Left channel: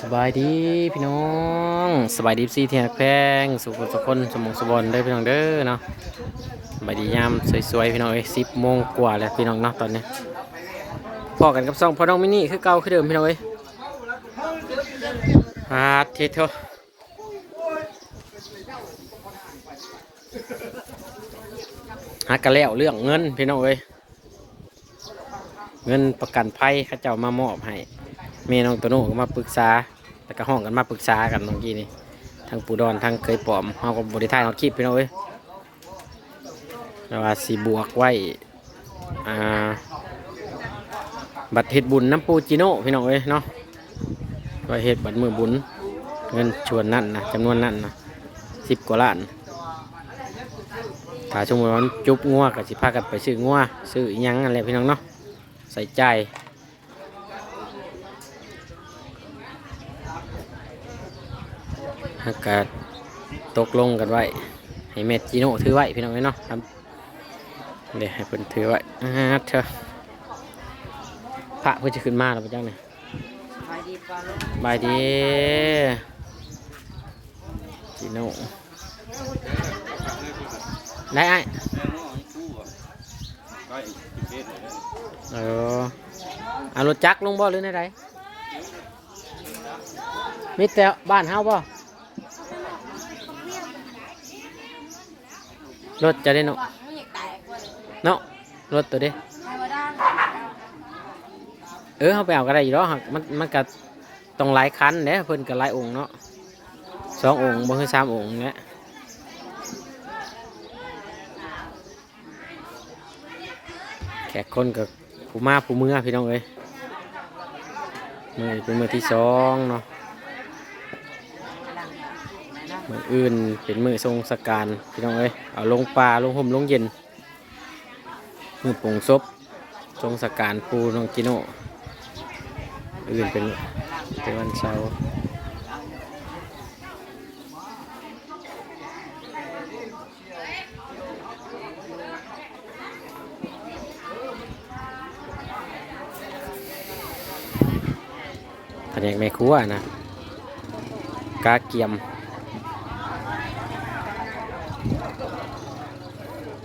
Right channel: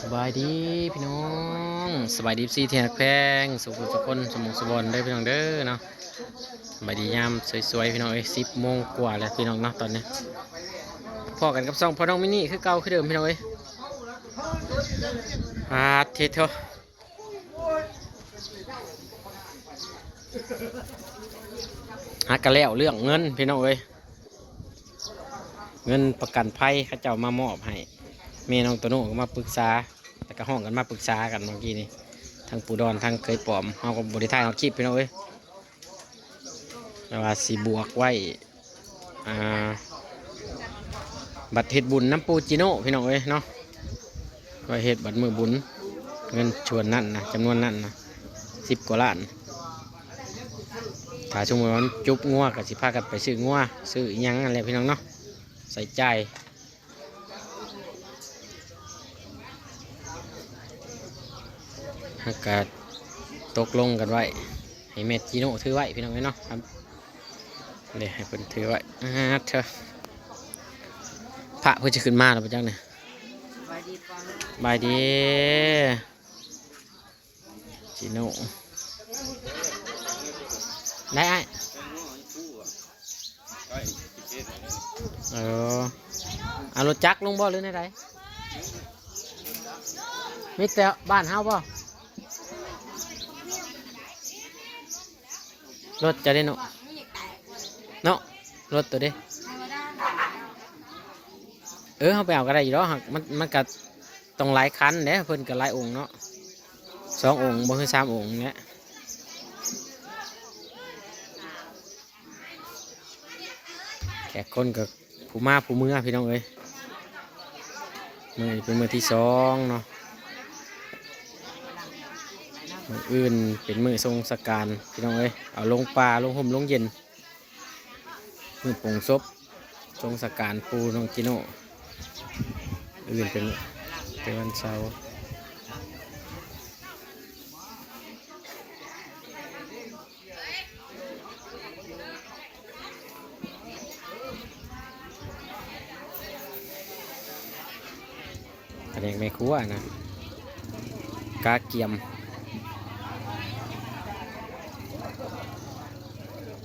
สบายดีพี่น้องสบายดีซีเทียนแพงสุขสุขคนสมองสมบันได้พี่น้องเด้อเนาะสบายดียามสวยๆพี่น้อง10 โมงกว่าแล้วพี่น้องเนาะตอนนี้พอกันกับซ่องพ่อน้องมินี่คือเก่าคือเดิมพี่น้องเทเถอะฮักกันแล้วเรื่องเงินพี่น้องเงินประกันภัยเขาเจ้ามามอบให้เมน้องตัวโน้ก็มาปรึกษาแต่ก็ห้องกันมาปรึกษากันเมื่อกี้นี่ทางปูดอนทางเคยปลอมเขาก็บริทายเขาคลิปพี่น้องแต่ว่าสีบวกไว้บัตรเฮ็ดบุญน้ำปูจิโน่พี่น้องเนาะไว้เฮ็ดบัตรมือบุญเงินชวนนั่นนะจำนวนนั่นนะ10 กว่าล้านถ้าช่วงวันจุบงัวกับสิพากันไปซื้องัวซื้อยังอะไรพี่น้องเนาะใส่ใจอากาศตกลงกันไว้ให้เมจิโน่ถือไว้พี่น้องเนาะครับเดี๋ยวให้เพิ่นถือไว้เถอะพระเพื่อจะขึ้นมาหรือเปล่าจังเนี่ยบายดีจิโน่ได้ไอ้เอารถจักรลงบ่หรือไงมีแต่บ้านเฮาบ่รถจะได้เนาะรถตัวเด้เขาไปเอาก็ได้อยู่แล้วมันก็ต้องหลายคันเด้เพิ่นก็หลายองค์เนาะ2 องค์บ่คือ3 องค์เนี่ยแขกคนกับผู้มาผู้เมื่อพี่น้องมือเป็นมือที่2เนาะมืออื่นเป็นมือทรงสการพี่น้องเอาลงปลาลงห่มลงเย็นมือปงซบทรงสการปูน้องจิโน่อื่นเป็นวันเสาร์แผนกแม่ครัวนะกาเกียม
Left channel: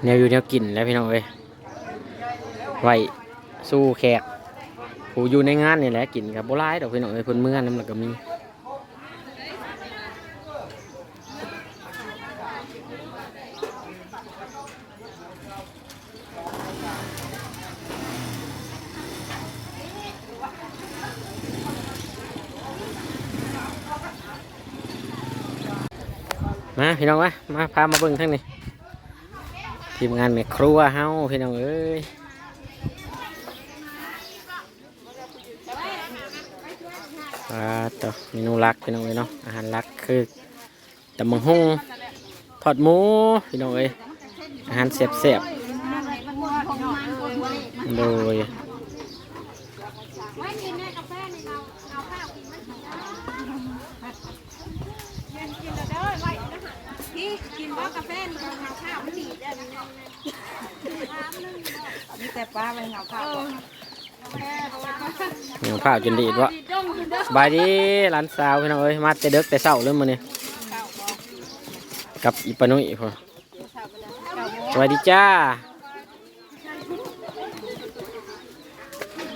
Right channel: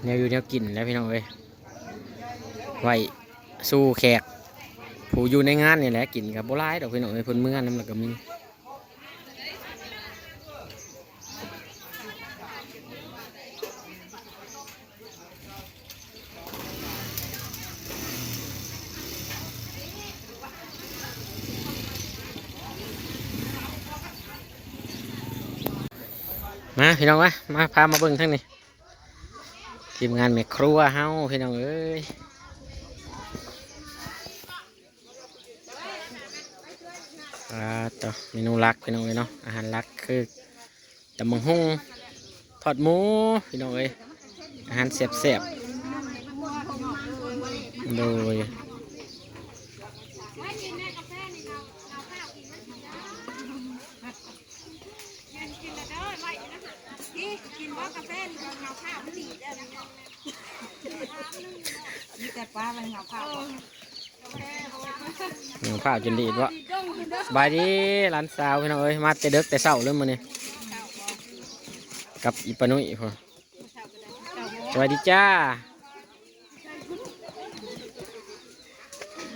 แนวอยู่แนวกินแล้วพี่น้องไว้สู้แขกผู้อยู่ในงานนี่แหละกินกับโบราณดอกพี่น้องเพิ่นเมื่อน้ำหลักก็มีมาพี่น้องมาพามาเบิ่งทั้งนี้ทีมงานแม่ครัวเฮาพี่น้องต่อเมนูหลักพี่น้องเนาะอาหารหลักคือตำบักหุ่งทอดหมูพี่น้องอาหารแซ่บๆโดยกินบ่กาแฟนี่เงาข้าวไม่ดีนี่แต่ปลามันเงาข้าวเงาข้าวกินดีวะสบายดีร้านสาวพี่น้องมาแต่เด็กแต่เช้าเริ่มมาเนี่ยกับอีปานุยพอสวัสดีจ้า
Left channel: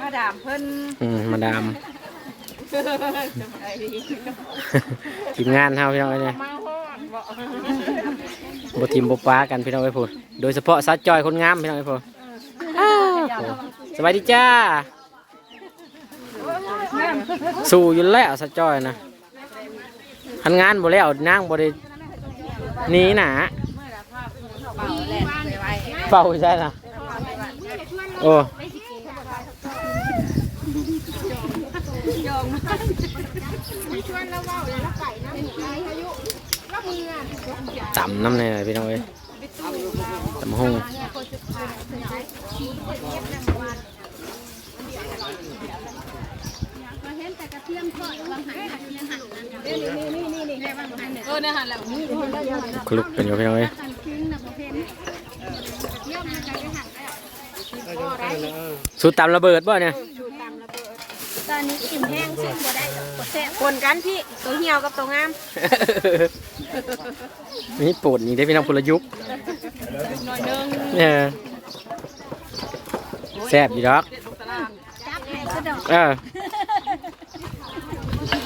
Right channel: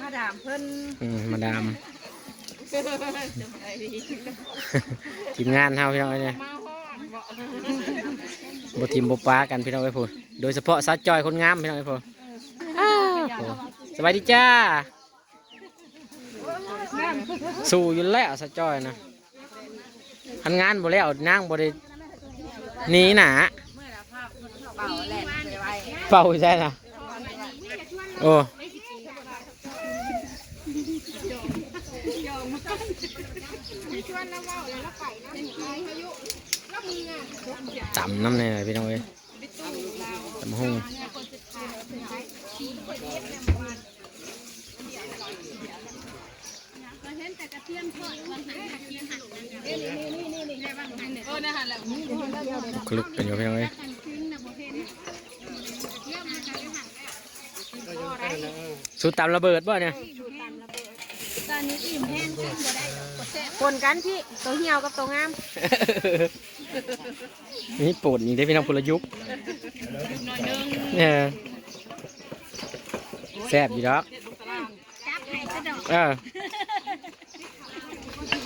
มาดามเพิ่นมาดามทีมงานเฮาพี่น้องเนี่ยบทีมบปลากันพี่น้องพูดโดยเฉพาะซัดจอยคนงามพี่น้องพูดสวัสดีจ้าสู่อยู่แล้วซัดจอยนะทันงานบ่แล้วนั่งบ่ได้หนีหนาเฝ้าใช่นะโอ้จำน้ำเลยพี่น้องจำห้องคลุกเป็นอยู่พี่น้องสูตรตำระเบิดบ่เนี่ย ตอนนี้อิ่มแห้งใส่บัวได้คนกันพี่ตัวเหี่ยวกับตัวงาม นี่โปรดนี่ได้พี่น้องพลยุกต์ หน่อยนึง แซ่บอยู่ดอก จับให้กระดอก เออ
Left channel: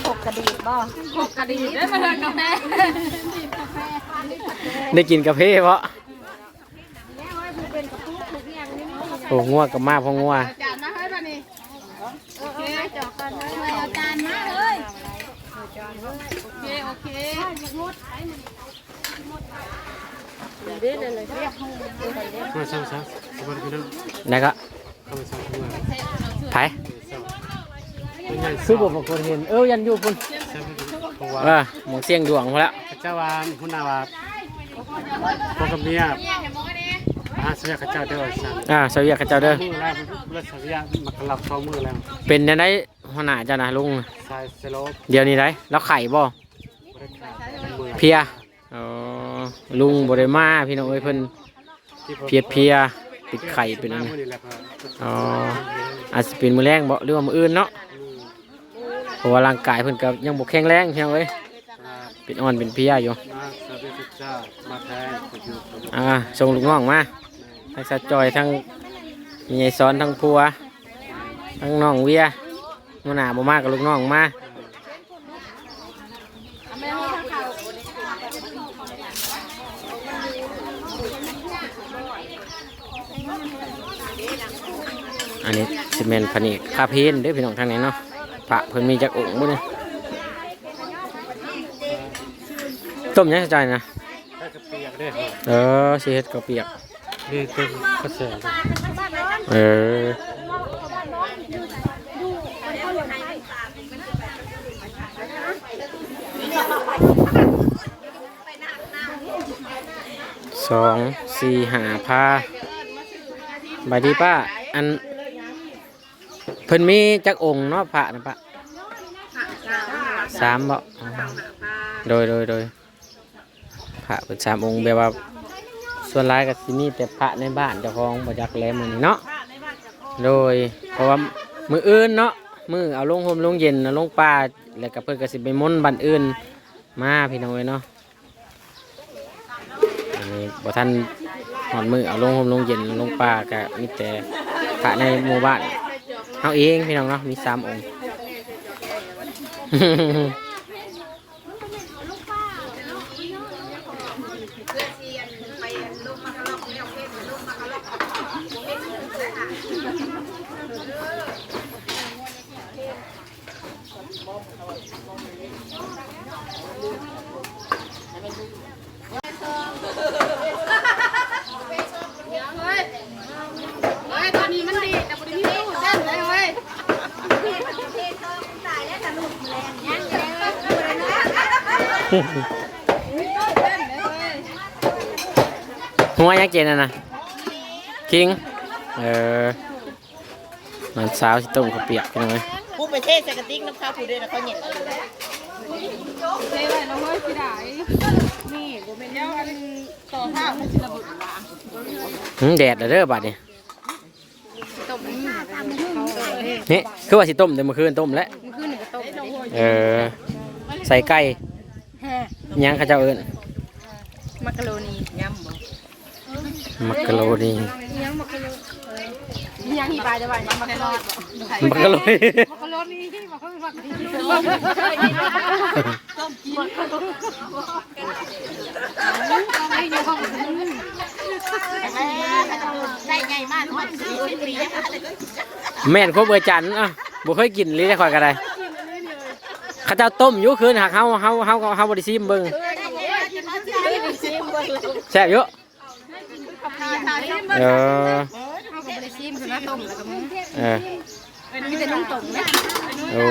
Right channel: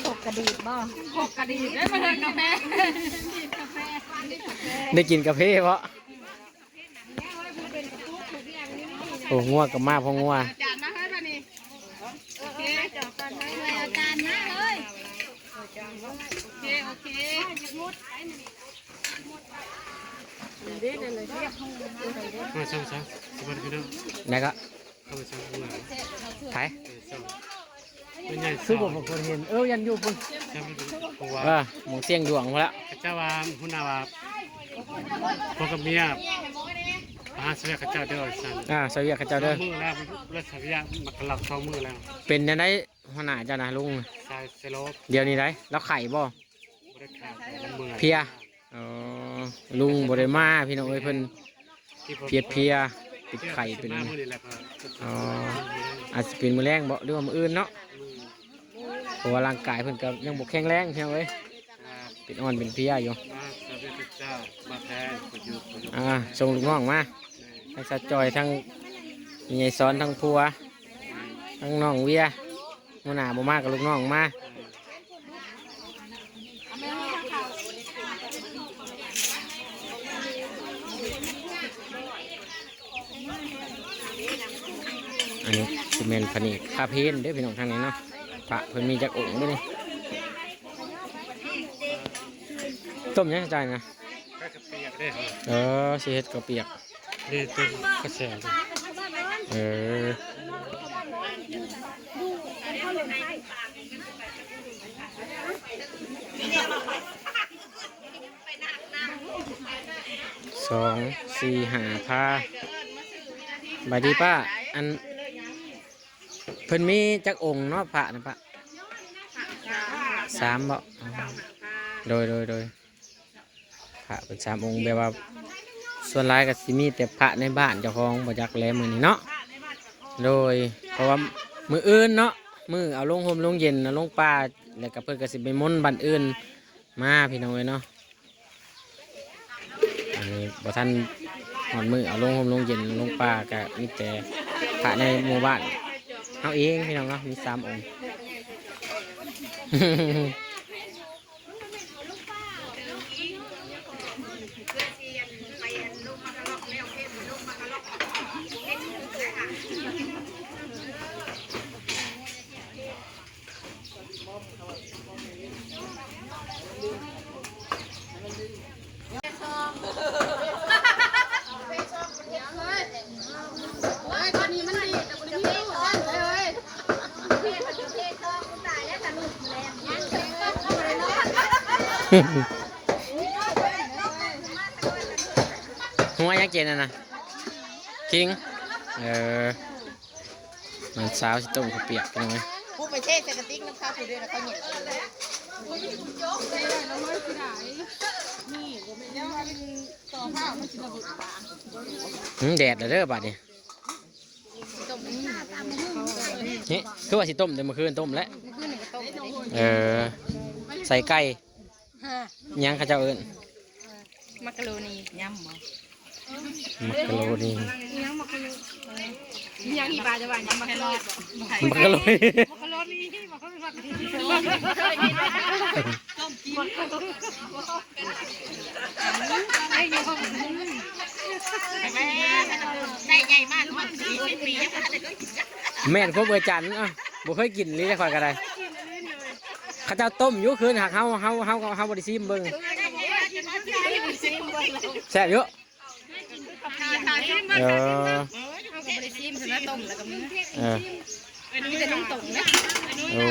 ขกกระดีดบ่ขกกระดีดได้มาเถอะกาแฟดีดกาแฟ ได้กินกาแฟเพราะ เนี่ยเฮ้ยมันเป็นกระปุกทุกอย่างนี่ โอ้งัวกับมาพองัว จานนะเฮ้ยบ้านี่โอเคจอกกันเลยอาจารย์นะเฮ้ยโอเคอยากงดไอ้มันดีเลยเลยเรียกห้อง มาซ้ำสวัสดีพี่น้อง แล้วก็ เข้ามาซ้ำทุกวัน ไผ่ เป็นไง ซื้อบุบคนเห็นยันอยู่คุณ ซ้ำเพราะว่า หมองเสียงดวงพอแล้ว ข้าเจ้าว่าหุ่นนาวาพ่อกับเมียมาหาเสื้อข้าเจ้าเด้อสั่ง สวัสดีข้าเจ้าเด้อ มือแล้วเลือดสวิยะมากระลับ2 มือแล้ว เป็นยังไงหัวหน้าเจ้านะลุง สายเซโลบ เดี๋ยวนี้ได้แล้วไข่บ่ บริขาดมือ เพียอ๋อลุงบริมาพี่น้องเอ้ยเพิ่นเพียติดไข่เป็น มา อัน มือ นี้ นี่แหละพอ อ๋ออาจจะเป็นมือแรงบ่หรือว่ามืออื่นเนาะเพราะว่าร่างกายเพิ่นก็ยังบ่แข็งแรงพี่น้องเอ้ยเป็นอ่อนเป็นเพลียอยู่ มาสวัสดีเจ้ามาแทนประยุกต์ ส่งลูกน้องมาทั้งสะจอยทั้งมีไอ้ซ้อนทั้งพัวทั้งน้องเวียหัวหน้าบ่มากับลูกน้องมาอันนี้ซีเมนต์ผนิคาเพนเด้อพี่น้องทางไหนเนาะพระเพิ่นมีจักองค์บ่เนี่ยต้มยังสะจอยนะ ก็จะเปียกได้ สิเฮ็ดข้าวเปียก นี่เป็นกระแส เออ2 4 5พาบายดีป้าอันเพิ่นมีจักองค์เนาะพระนะป้า3บ่อ๋อโดยพระเป็น3 องค์แบบว่าส่วนหลายก็สิมีแต่พระในบ้านเจ้าของบ่จักแลมื้อนี้เนาะโดยเพราะว่ามื้ออื่นเนาะมื้อเอาลงห่มลงเย็นเอาลงป่าแล้วก็เพิ่นก็สิไปมนต์บ้านอื่นมาพี่น้องเอ้ยเนาะอันนี้บ่ทันหอดมื้อเอาลงห่มลงเย็นลงป่าก็มีแต่พระในหมู่บ้านเฮาเองพี่น้องเนาะมี3 องค์ เฮ้ยตอนนี้มันดีแต่บริมีตู้เส้นเลยเฮ้ย หัวยังเจนน่ะนะคิงมันสาวสิต้มข้าวเปียกกันไหม ผู้ไปเทใส่กระติกน้ำข้าวผู้เดินเขาเหนียว เซ่เลยเราเฮ้ยพี่ได้นี่ผมเป็นแล้วอันต่อผ้ามันจะระเบิด แดดเด้อบัดนี่นี่คือว่าสิต้มแต่เมื่อคืนต้มแล้วใส่ไก่ยังข้าเจ้าเอิ้น มักกะโรนียำบ่ มักกะโรนี ยังมักกะโรยังอีปลาจะว่ามักกะโรด มักกะโรนี มักกะโรนีมักกะโรนีต้มกินไอ้ยังได้ใหญ่มากทุก40 ปี แม่นครบเบอร์จันอ่ะบ่เคยกินเลยได้ข่อยก็ได้ข้าเจ้าต้มอยู่คืนหักเฮาบ่ได้ซิมเบิ่งแซ่บอยู่เออโอ้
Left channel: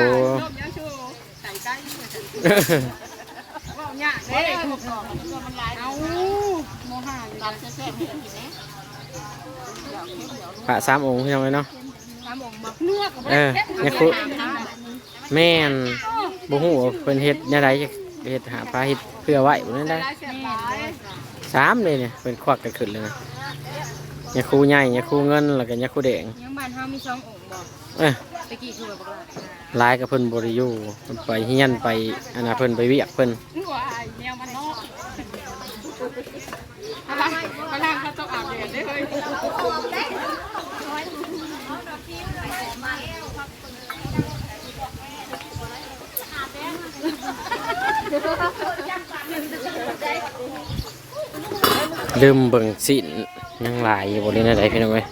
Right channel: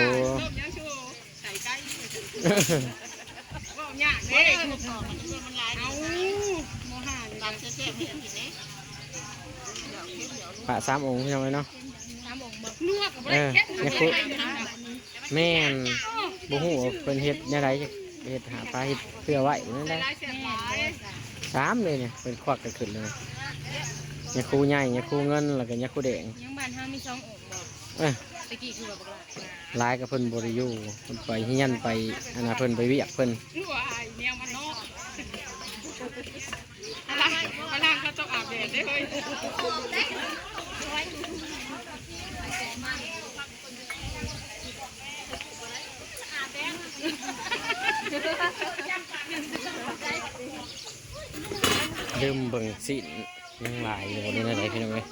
พระ3 องค์พี่น้องเนาะเนี่ยคือแม่นบ่ฮู้ว่าเพิ่นเฮ็ดแนวใดเฮ็ดหาปลาเฮ็ดเพื่อไว้บ่นั่นได้3เลยเนี่ยเพิ่นควักกันขึ้นเลยนะเนี่ยครูใหญ่เนี่ยครูเงินแล้วก็เนี่ยครูแดง ยังบ้านเฮามี2 องค์บ่ เอ้ย ตะกี้คือบ่ หลายกับเพิ่นบ่ได้อยู่เพิ่นไปเฮียนไปอันน่ะเพิ่นไปเวียกเพิ่น ว่าแนวมันเนาะพลังเขาต้องอาบแดดได้เฮ้ยลืมเบิ่งสินยังหลายอยู่บ่ได้ไหนพี่น้องเอ้ย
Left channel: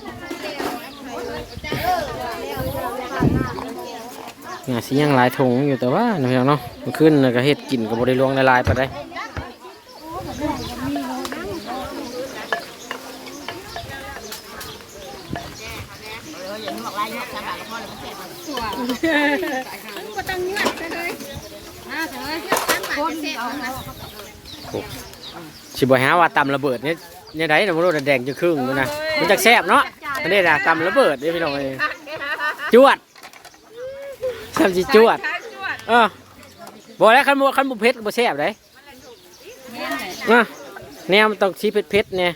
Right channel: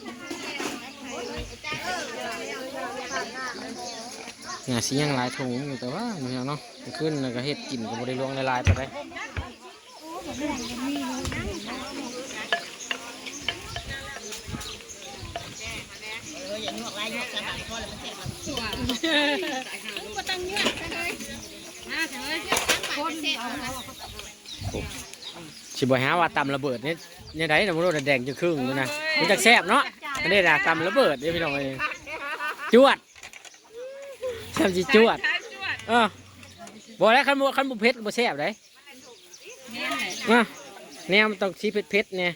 งาสิยังหลายถุงอยู่แต่ว่าพี่น้องเนาะมันขึ้นแล้วก็เฮ็ดกินก็บ่ได้ลวงละลายปานใดสิบ่หาว่าตำระเบิดเนี่ยไดน่ะบ่รู้แดงจะครึ่งอยู่นะมันจักแซ่บเนาะอันนี้น่ะตำระเบิดเด้พี่น้องเอ้ยจวดทำสิจวดบอกแล้วคันบ่เผ็ดก็บ่แซ่บเลยแนวมันต้องสีเผ็ดๆเนี่ย